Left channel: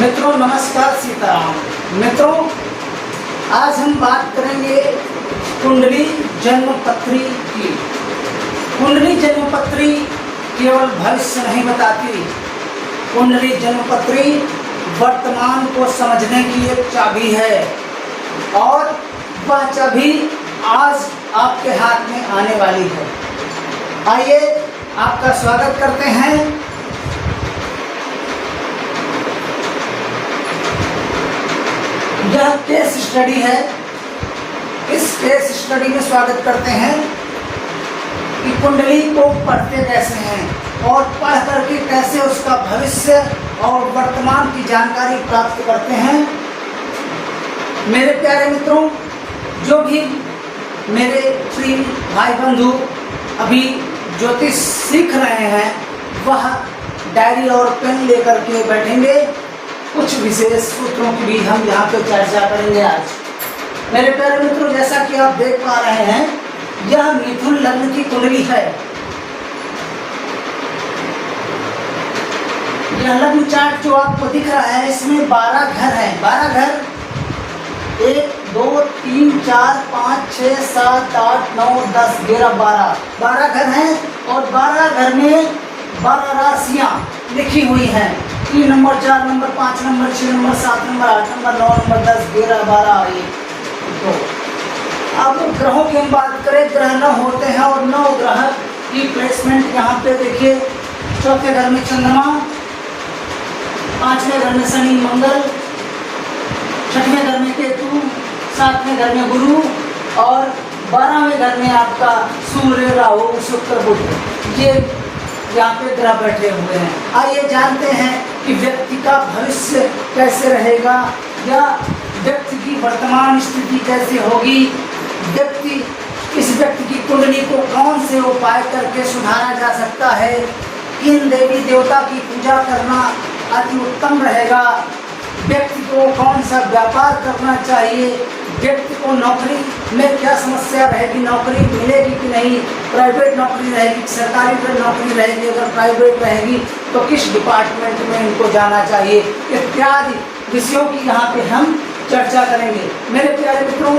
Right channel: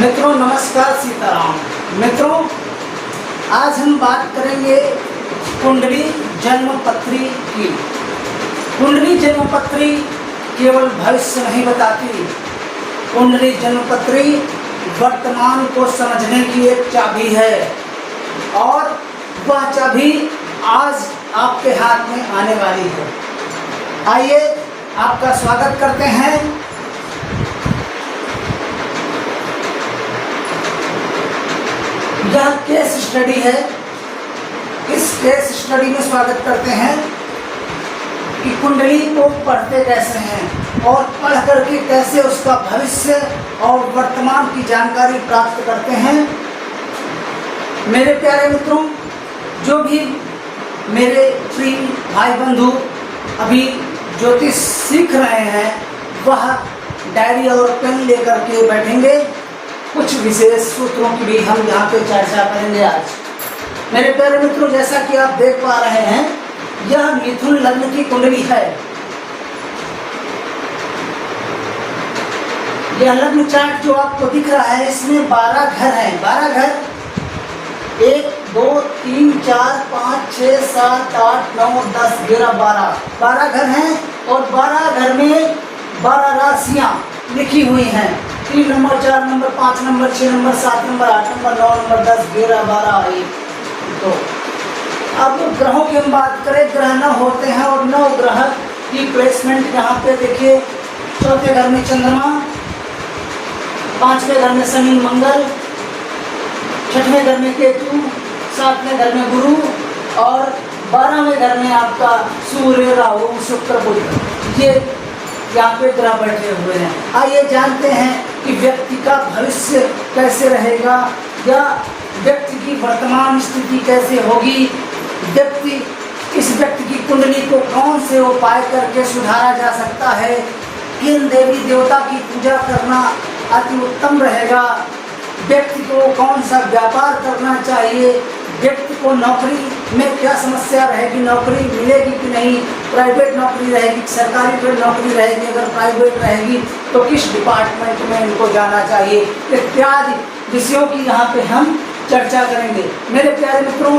मित्रों नमस्कार, सीताराम। मित्रों आज हम बात करेंगे कुंडली जन्मपत्री की। कुंडली जन्मपत्री केवल भविष्य नहीं बताती, कुंडली जन्मपत्री वर्तमान को समझने की एक चाबी है और वह चाबी आज आपके हाथ में आने वाली है। आइए आपका स्वागत करते हैं। यह केस स्टडी है। इस केस स्टडी में स्वागत करते हैं कि कुंडली को पढ़ते कैसे हैं और पढ़ करके कैसे उसका भविष्य और वर्तमान की जानकारी प्राप्त करते हैं। मेरे प्यारे मित्रों, जो भी मेरे प्रिय भाई बंधु अभी ज्योतिष सीख रहे हैं वह डायरी और पेन लेकर के बैठेंगे। कुछ विशेष सूत्रों की भी हम यहाँ पे चर्चा करेंगे आज। मेरे प्यारे मित्रों, जैसा कि आप देख पा रहे हैं, यह मिथुन लग्न की कुंडली है। यह लग्न चार्ट जो आपको दिख रहा है, इसमें 12 घर हैं। 12 घर 1 2 3 4 5 6 7 8 9 10 11 12 घर हैं और 12 घर में 12 राशियां लिखी हुई हैं। 3 number 4 number 5 number 6 number 7 number 8 number 9 number 10 11 12 1 2। अब ग्रहों की हम बात करें, ग्रह 9 होते हैं और 9 ग्रह की प्लेसमेंट यहाँ पे देखिए। चौथे घर में चंद्रमा, 5वें घर में शनि मंगल, 6वें घर में केतु, 7वें घर में गुरु और 12वें घर में आपका सूर्य राहु शुक्र बुध। ये यहाँ पे ग्रह बैठे हुए हैं। आइए जानते हैं कि व्यक्ति का भविष्य कैसे रहेगा या व्यक्ति की वर्तमान स्थिति कैसे होगी। इस व्यक्ति की कुंडली को कौन से उपाय करके सुधारा जा सकता है, किन देवी देवता की पूजा करना अति उत्तम रहेगा, व्यक्ति को कौन सा व्यापार करना चाहिए, व्यक्ति को नौकरी में क्या समस्या रहेगी, नौकरी मिलेगी कि नहीं, प्राइवेट नौकरी रहेगी, सरकारी नौकरी रहेगी, अगर प्राइवेट रहेगी तो किस डिपार्टमेंट में इनको जाना चाहिए, इत्यादि विषयों की यहाँ पे हम चर्चा करेंगे। मेरे प्यारे मित्रों,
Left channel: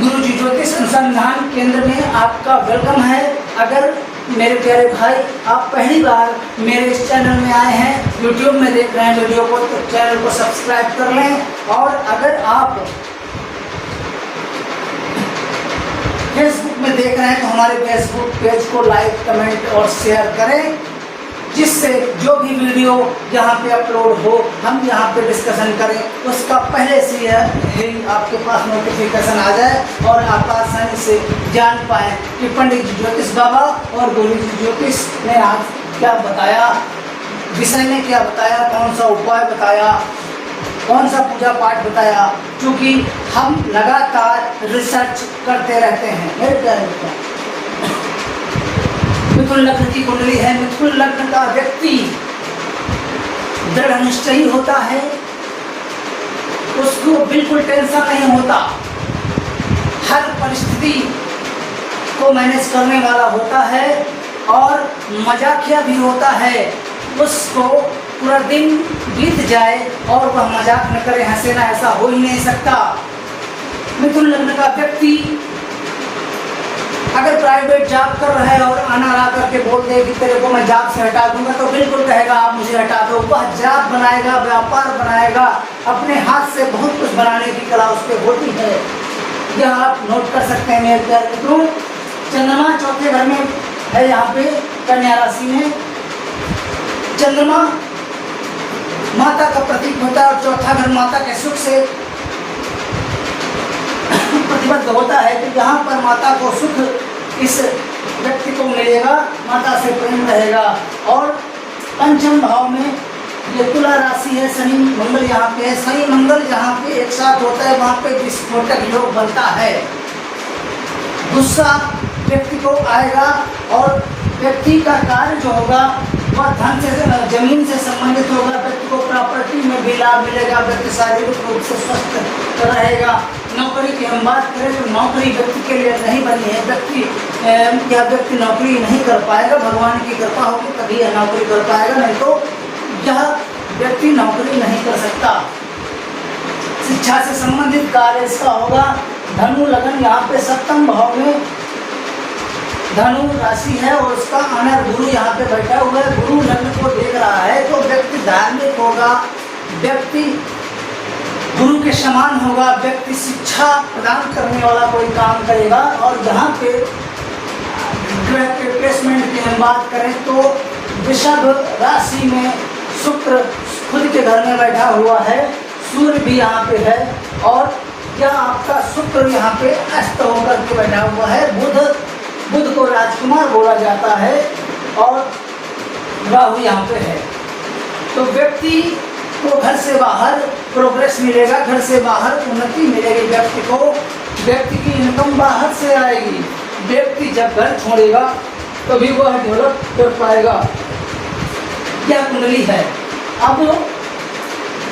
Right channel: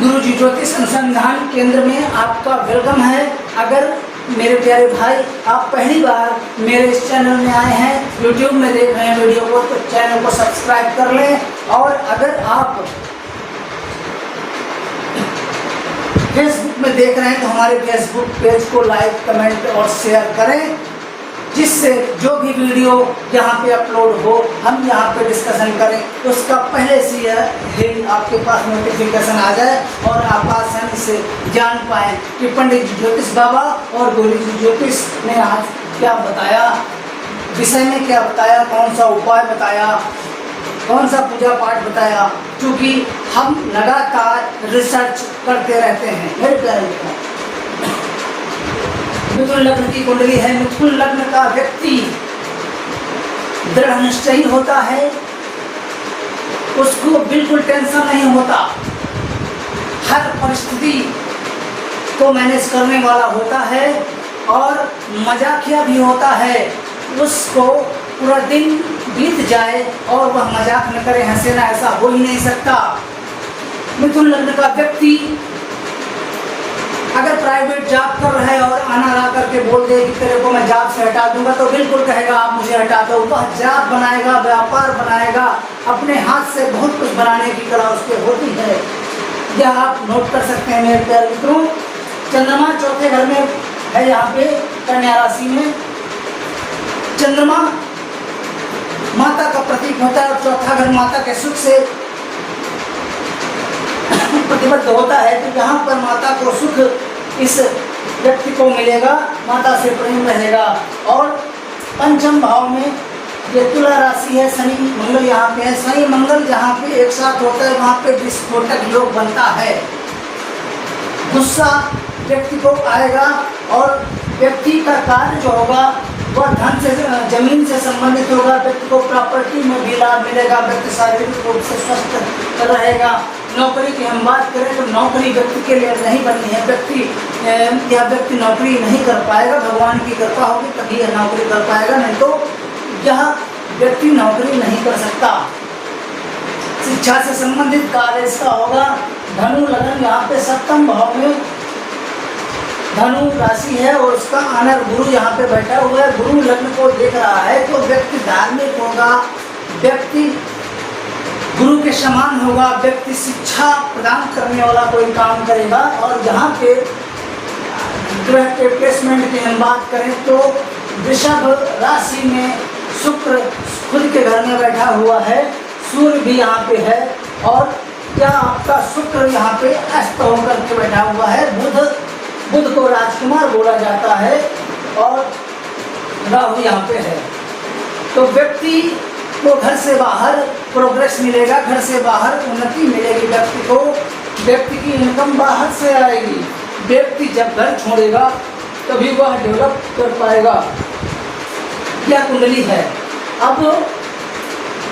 गुरुजी ज्योतिष अनुसंधान केंद्र में आपका वेलकम है। अगर मेरे प्यारे भाई आप पहली बार मेरे इस चैनल में आए हैं, यूट्यूब में देख रहे हैं वीडियो को, तो चैनल को सब्सक्राइब कर लें और अगर आप फेसबुक में देख रहे हैं तो हमारे फेसबुक पेज को लाइक कमेंट और शेयर करें, जिससे जो भी वीडियो यहाँ पे अपलोड हो हम यहाँ पे डिस्कशन करें, उसका पहले से ही आपके पास नोटिफिकेशन आ जाए और आप आसानी से जान पाएँ कि पंडित ज्योतिष बाबा और गुरुजी ज्योतिष ने आज क्या बताया, विषय में क्या बताया, कौन सा उपाय बताया, कौन सा पूजा पाठ बताया, क्योंकि हम लगातार रिसर्च करते रहते हैं। मेरे प्यारे मित्रों, मिथुन लग्न की कुंडली है। मिथुन लग्न का व्यक्ति दृढ़ निश्चयी होता है, उसको बिल्कुल टेंशन नहीं होता, हर परिस्थिति को मैनेज करने वाला होता है और मजाकिया भी होता है। उसको पूरा दिन बीत जाए और वह मजाक न करे, हंसे ना, ऐसा हो ही नहीं सकता। मिथुन लग्न का व्यक्ति अगर प्राइवेट जॉब कर रहा है और आना ला करके बोल दे कि तेरे को मैं जॉब से हटा दूंगा, तो बिल्कुल कहेगा आप मुझे हटा दो। वह जॉब बनाएगा, व्यापार बनाएगा, अपने हाथ से बहुत कुछ बनाने की कला उसके होती है। यह आप नोट कर सकते हैं मेरे प्यारे मित्रों। चंद्रमा चौथे घर में है, यहाँ पे कन्या राशि में चंद्रमा माता का प्रतीक होता है और चौथा घर माता के सुख से प्रतिबद्ध होता है। तो यहाँ पर माता को सुख इस व्यक्ति को मिलेगा, माता से प्रेम रहेगा। और पंचम भाव में ये तुला राशि है, शनि मंगल यहाँ पे है। शनि मंगल जहाँ पे एक साथ होता है वहाँ पे विस्फोटक योग बनता है। गुस्सा व्यक्ति को आएगा और व्यक्ति का कार्य जो होगा वह धन से, जमीन से संबंधित होगा। व्यक्ति को प्रॉपर्टी में भी लाभ मिलेगा, व्यक्ति शारीरिक रूप से स्वस्थ रहेगा। नौकरी की हम बात करें तो नौकरी व्यक्ति के लिए नहीं बनी है। व्यक्ति नौकरी नहीं कर पाएगा, भगवान की कृपा होगी तभी यह नौकरी कर पाएगा, नहीं तो यह व्यक्ति नौकरी नहीं कर सकता। शिक्षा से संबंधित कार्य इसका होगा। धनु लगन यहाँ पे सप्तम भाव में धनु राशि है और उसका अनर गुरु यहाँ पे बैठा हुआ है, गुरु लग्न को देख रहा है। तो व्यक्ति धार्मिक होगा, व्यक्ति गुरु के समान होगा, व्यक्ति शिक्षा प्रदान करने वाला कोई काम करेगा। और यहाँ पे ग्रह के प्लेसमेंट की हम बात करें तो वृषभ राशि में शुक्र खुद के घर में बैठा हुआ है, सूर्य भी यहाँ पे है और क्या आपका शुक्र यहाँ पे अस्त होकर के बैठा हुआ है। बुध को राजकुमार बोला जाता है और राहु यहाँ पे है। तो व्यक्ति को घर से बाहर प्रोग्रेस मिलेगा, घर से बाहर उन्नति मिलेगी व्यक्ति को, व्यक्ति की इनकम बाहर से आएगी। व्यक्ति जब घर छोड़ेगा तभी वह डेवलप कर पाएगा। यह कुंडली है। अब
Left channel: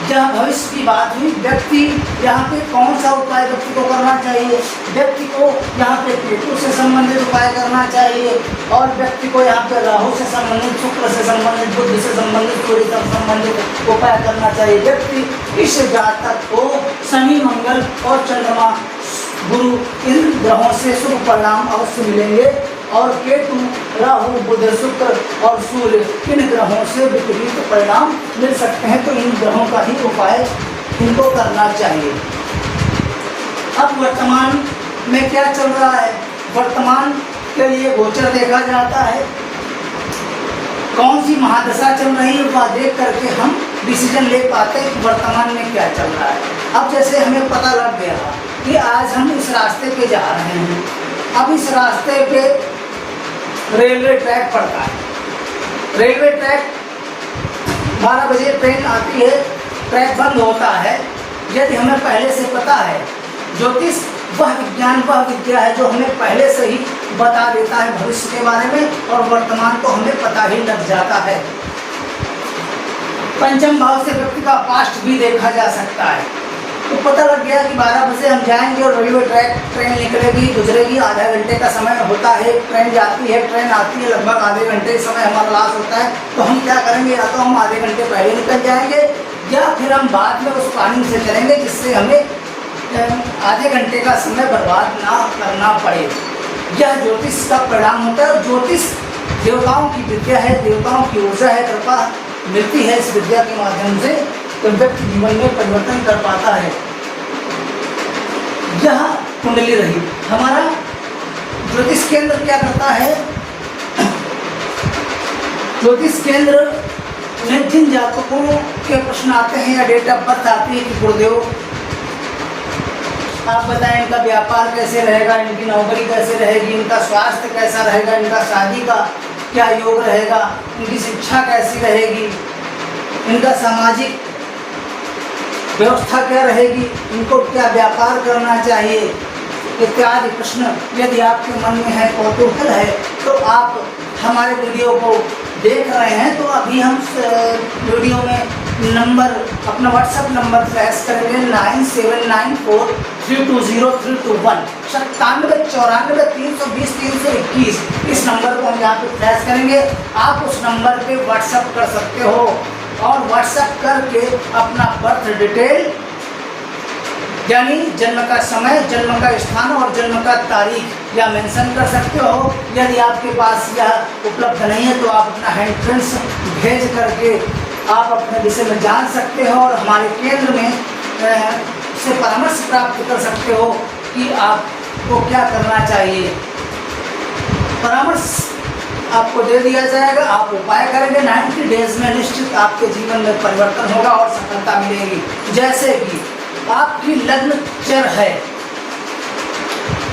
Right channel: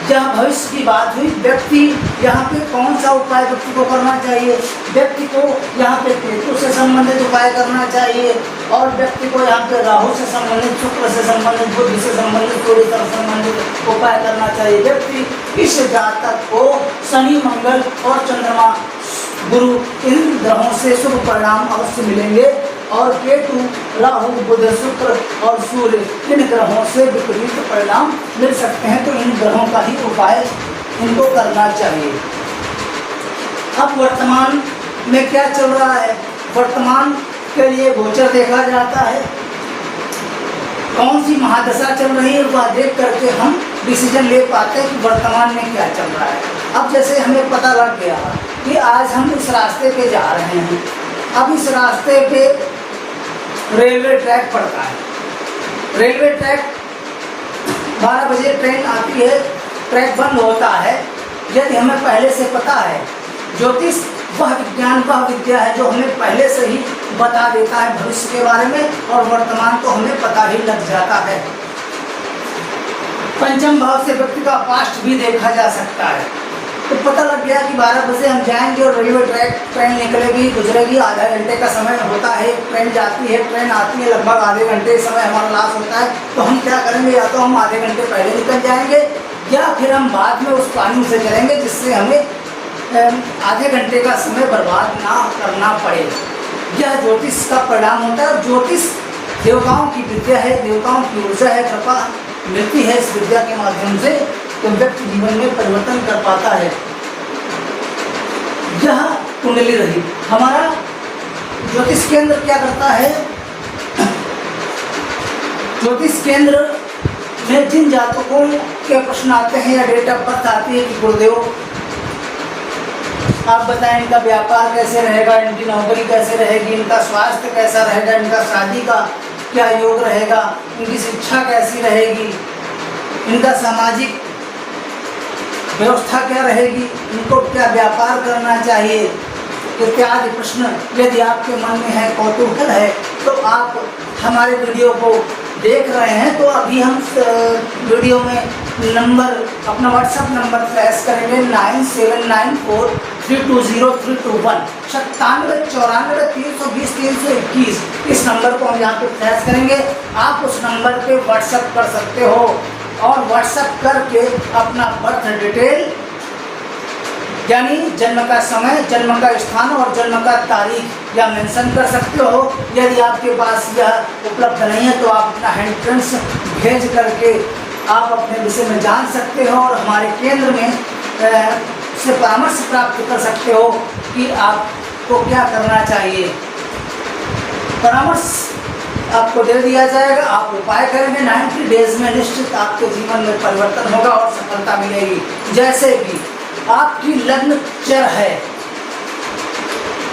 जहाँ भविष्य की बात हुई, व्यक्ति यहाँ पे कौन सा उपाय व्यक्ति को करना चाहिए? व्यक्ति को यहाँ पे केतु से संबंधित उपाय करना चाहिए और व्यक्ति को यहाँ पे राहु से संबंधित, शुक्र से संबंधित, बुध से संबंधित, सूर्य से संबंधित उपाय करना चाहिए। व्यक्ति इस जातक को शनि, मंगल और चंद्रमा, गुरु इन ग्रहों से शुभ परिणाम अवश्य मिलेंगे और केतु, राहु, बुध, शुक्र और सूर्य इन ग्रहों से विपरीत परिणाम मिल सकते हैं। तो इन ग्रहों का ही उपाय इनको करना चाहिए। अब वर्तमान में क्या चल रहा है? वर्तमान के लिए गोचर देखा जाता है, कौन सी महादशा चल रही है वह देख करके हम डिसीजन ले पाते हैं कि वर्तमान में क्या चल रहा है। अब जैसे हमें पता लग गया कि आज हम इस रास्ते पे जा रहे हैं, अब इस रास्ते पे रेलवे ट्रैक पड़ता है। रेलवे ट्रैक 12 बजे ट्रेन आती है, ट्रैक बंद होता है। यदि हमें पहले से पता है, ज्योतिष वह विज्ञान, वह विद्या है जो हमें पहले से ही बता देता है भविष्य के बारे में और वर्तमान तो हमें पता ही लग जाता है। पंचम भाव से व्यक्ति का पास्ट भी देखा जा सकता है। तो पता लग गया कि 12 बजे हम जाएंगे और रेलवे ट्रेन निकलेगी, गुजरेगी, आधा घंटे का समय होता है, ट्रेन जाती है, ट्रेन आती है, लगभग आधे घंटे समय हमारा लॉस होता है। तो हम क्या करेंगे? या तो हम आधे घंटे पहले निकल जाएंगे या फिर हम बाद में उस प्लानिंग से चलेंगे जिससे हमें आधे घंटे का समय बर्बाद ना करना पड़े। यह ज्योतिष का परिणाम होता है। ज्योतिष देवताओं की विद्या है, देवताओं की ऊर्जा है, कृपा मिलती है इस विद्या के माध्यम से, तो व्यक्ति जीवन में परिवर्तन कर पाता है। यह कुंडली रही। हमारा ज्योतिष केंद्र क्या करता है? ज्योतिष केंद्र में जिन जातकों के प्रश्न आते हैं या डेट ऑफ बर्थ आती है कि गुरुदेव आप बताएं इनका व्यापार कैसे रहेगा, इनकी नौकरी कैसे रहेगी, इनका स्वास्थ्य कैसा रहेगा, इनका शादी का क्या योग रहेगा, इनकी शिक्षा कैसी रहेगी, इनका सामाजिक व्यवस्था क्या रहेगी, इनको क्या व्यापार करना चाहिए इत्यादि प्रश्न यदि आपके मन में है, कौतूहल है, तो आप हमारे वीडियो को देख रहे हैं तो अभी हम वीडियो में नंबर, अपना व्हाट्सएप नंबर फ्लैश करेंगे 9794320321 9794 इस नंबर को हम यहाँ पे फ्लैश करेंगे। आप उस नंबर पे व्हाट्सएप कर सकते हो और व्हाट्सएप करके अपना बर्थ डिटेल यानी जन्म का समय, जन्म का स्थान और जन्म का तारीख या मेंशन कर सकते हो। यदि आपके पास यह उपलब्ध नहीं है तो आप अपना हैंड प्रिंट्स भेज करके आप अपने विषय में जान सकते हो और हमारे केंद्र में से परामर्श प्राप्त कर सकते हो कि आपको क्या करना चाहिए। परामर्श आपको दे दिया जाएगा, आप उपाय करेंगे, 90 डेज में निश्चित आपके जीवन में परिवर्तन होगा और सफलता मिलेगी। जैसे कि आपकी लग्न चर है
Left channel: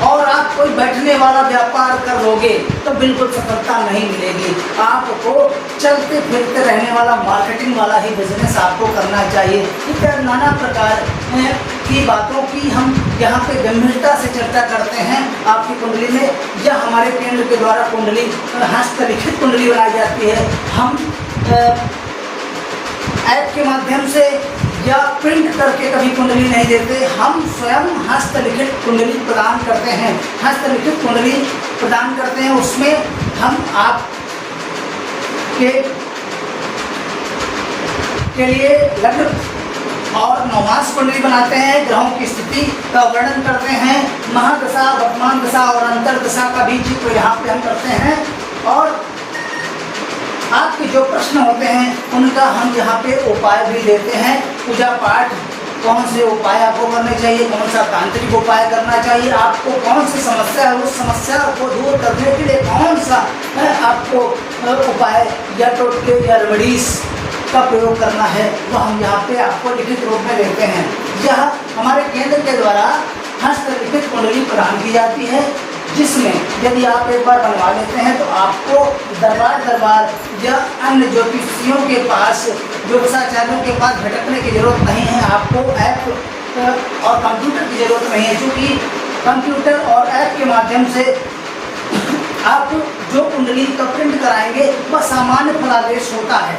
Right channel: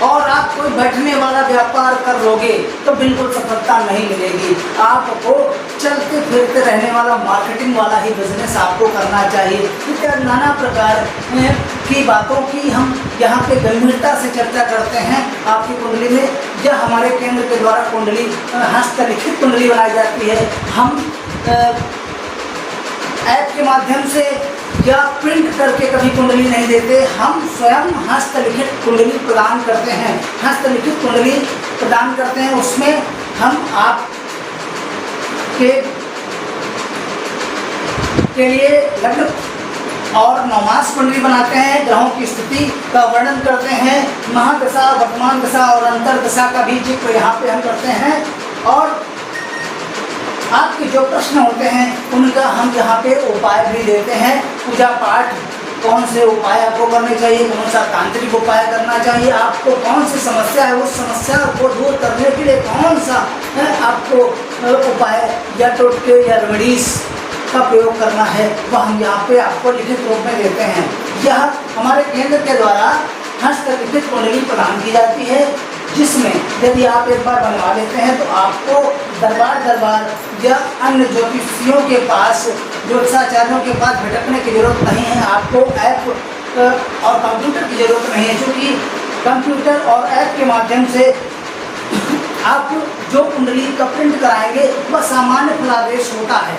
और आप कोई बैठने वाला व्यापार कर लोगे तो बिल्कुल सफलता नहीं मिलेगी। आपको चलते फिरते रहने वाला मार्केटिंग वाला ही बिजनेस आपको करना चाहिए। इत्यादि नाना प्रकार की बातों की हम यहाँ पे गंभीरता से चर्चा करते हैं आपकी कुंडली में। यह हमारे केंद्र के द्वारा कुंडली हस्तलिखित कुंडली बनाई जाती है। हम ऐप के माध्यम से या प्रिंट करके कभी कुंडली नहीं देते, हम स्वयं हस्तलिखित कुंडली प्रदान करते हैं। हस्तलिखित कुंडली प्रदान करते हैं, उसमें हम आप के लिए लग्न और नवमास कुंडली बनाते हैं, ग्रहों की स्थिति का वर्णन करते हैं, महादशा, वर्तमान दशा और अंतर्दशा का भी जिक्र यहाँ पे हम करते हैं, और आपके जो प्रश्न होते हैं उनका हम यहाँ पे उपाय भी देते हैं। पूजा पाठ, कौन से उपाय आपको करने चाहिए, कौन सा तांत्रिक उपाय करना चाहिए, आपको कौन सी समस्या है, उस समस्या को दूर करने के लिए कौन सा आपको उपाय या टोटके या रेमेडीज का प्रयोग करना है, वह हम यहाँ पे आपको लिखित रूप में देते हैं। यह हमारे केंद्र के द्वारा हस्तलिखित कुंडली प्रदान की जाती है, जिसमें यदि आप एक बार बनवा लेते हैं तो आपको दरबार या अन्य ज्योतिषियों के पास, ज्योतिषाचार्यों के पास भटकने की जरूरत नहीं है। आपको ऐप और कंप्यूटर की जरूरत नहीं है, क्योंकि कंप्यूटर और ऐप के माध्यम से आप जो कुंडली का प्रिंट कराएंगे वह सामान्य फलादेश होता है।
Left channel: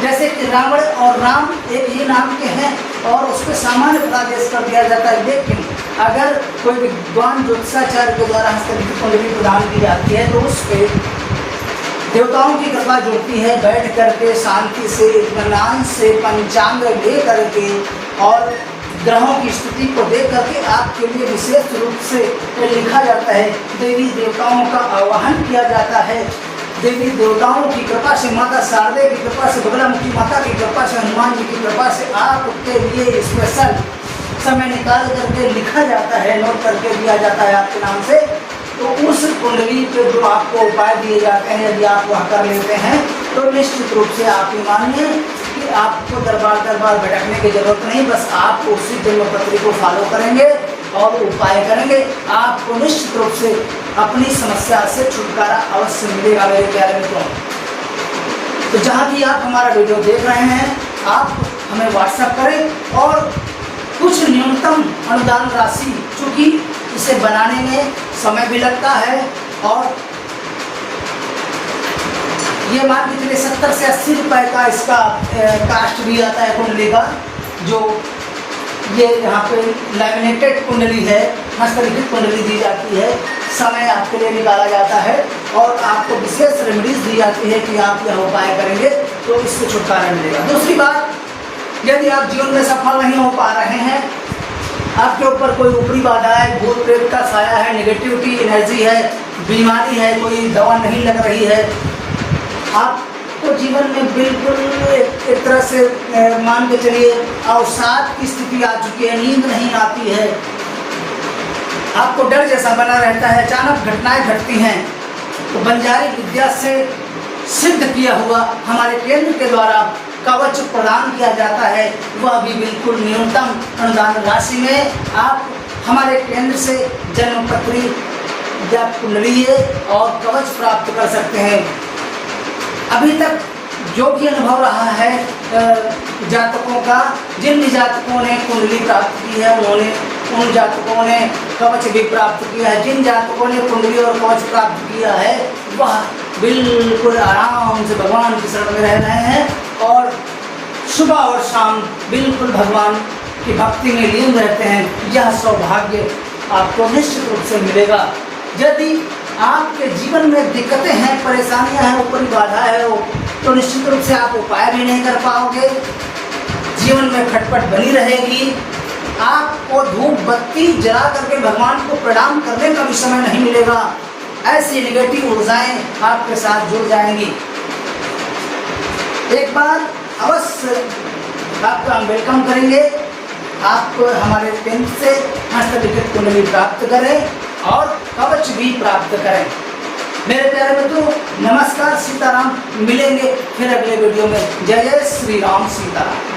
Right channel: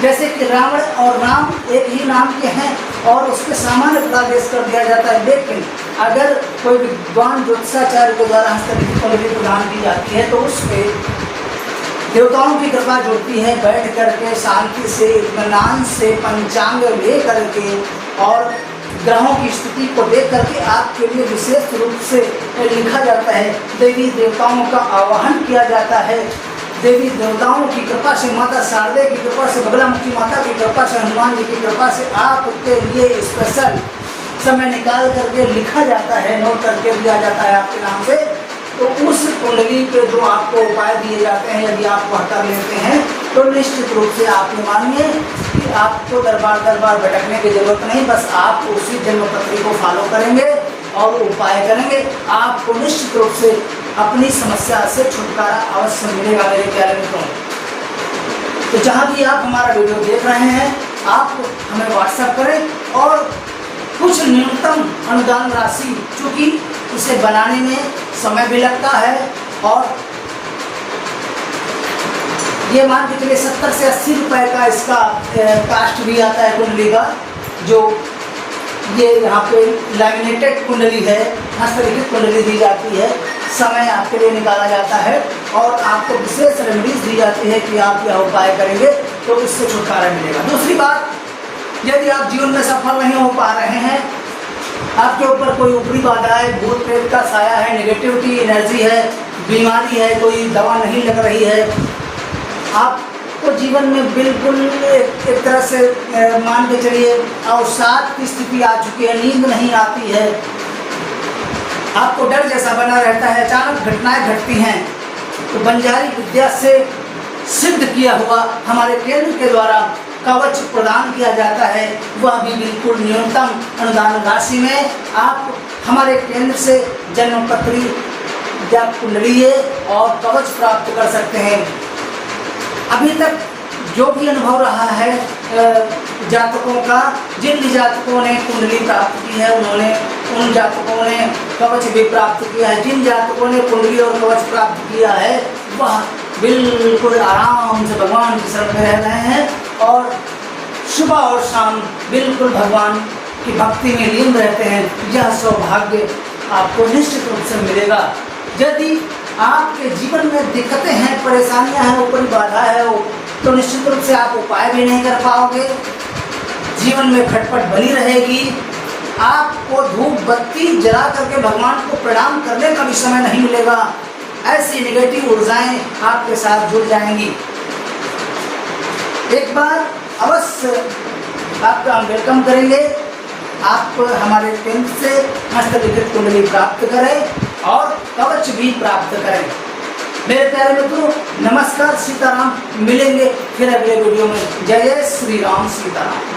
जैसे कि रावण और राम एक ही नाम के हैं और उसके सामान्य फलादेश कर दिया जाता है, लेकिन अगर कोई विद्वान ज्योतिषाचार्य के द्वारा हस्तलिखित कुंडली प्रदान की जाती है तो उस पर देवताओं की कृपा जुड़ती है। बैठ करके शांति से, इत्मीनान से पंचांग ले करके और ग्रहों की स्थिति को देख करके आपके लिए विशेष रूप से लिखा जाता है। देवी देवताओं का आवाहन किया जाता है। देवी देवताओं की कृपा से, माता शारदे की कृपा से, बगलामुखी माता की कृपा से, हनुमान जी की कृपा से आपके लिए स्पेशल समय निकाल करके लिखा जाता है, नोट करके दिया जाता है आपके नाम से। तो उस कुंडली पे जो आपको उपाय दिए जाते हैं, यदि आप वह कर लेते हैं तो निश्चित रूप से आप ये मानिए कि आपको दरबार भटकने की जरूरत नहीं। बस आप उसी जन्मपत्री को फॉलो करेंगे और उपाय करेंगे, आपको निश्चित रूप से अपनी समस्या से छुटकारा अवश्य मिलेगा मेरे प्यारे मित्रों। तो जहाँ भी आप हमारा वीडियो देख रहे हैं, आप हमें व्हाट्सएप करें और कुछ न्यूनतम अनुदान राशि, चूँकि इसे बनाने में समय भी लगता है और ये मान के चलिए 70 से 80 रुपए का इसका कास्ट भी आता है कुंडली का। जो ये यहाँ पे लैमिनेटेड कुंडली है, हस्तलिखित कुंडली दी जाती है, समय आपके लिए निकाला जाता है और आपको विशेष रेमेडीज दी जाती है कि आप यह उपाय करेंगे तो इससे छुटकारा मिलेगा। दूसरी बात, यदि आप जीवन में सफल नहीं हो पा रहे हैं, आपके ऊपर कोई ऊपरी बाधा है, भूत प्रेत का साया है, नेगेटिविटी एनर्जी है, बीमारी है, कोई दवा नहीं लग रही है, आपको जीवन में बिल्कुल एक तरह से मान के चलिए अवसाद की स्थिति आ चुकी है, नींद नहीं आती है, आपको डर जैसा बना रहता है, अचानक घटनाएं घटती हैं, तो बंजारी विद्या से सिद्ध किया हुआ हमारे केंद्र के द्वारा कवच प्रदान किया जाता है, वह भी बिल्कुल न्यूनतम अनुदान राशि में आप हमारे केंद्र से जन्मपत्री या कुंडली और कवच प्राप्त कर सकते हैं। अभी तक जो भी अनुभव रहा है जातकों का, जिन भी जातकों ने कुंडली प्राप्त की है उन जातकों ने कवच भी प्राप्त किया है। जिन जातकों ने कुंडली और कवच प्राप्त किया है वह बिल्कुल आराम से भगवान की शरण में रह रहे हैं और सुबह और शाम बिल्कुल भगवान की भक्ति में लीन रहते हैं। यह सौभाग्य आपको निश्चित रूप से मिलेगा। यदि आपके जीवन में दिक्कतें हैं, परेशानियां हैं, ऊपरी बाधा है तो निश्चित रूप से आप उपाय भी नहीं कर पाओगे, जीवन में खटपट बनी रहेगी, आपको धूप बत्ती जला करके भगवान को प्रणाम करने का भी समय नहीं मिलेगा। ऐसी नेगेटिव ऊर्जाएं आपके साथ जुड़ जाएंगी। एक बार अवश्य आपका हम वेलकम करेंगे। आप हमारे केंद्र से हस्तलिखित कुंडली प्राप्त करें और कवच भी प्राप्त करें। मेरे प्यारे मित्रों, नमस्कार, सीताराम। मिलेंगे फिर अगले वीडियो में। जय जय श्री राम, सीताराम।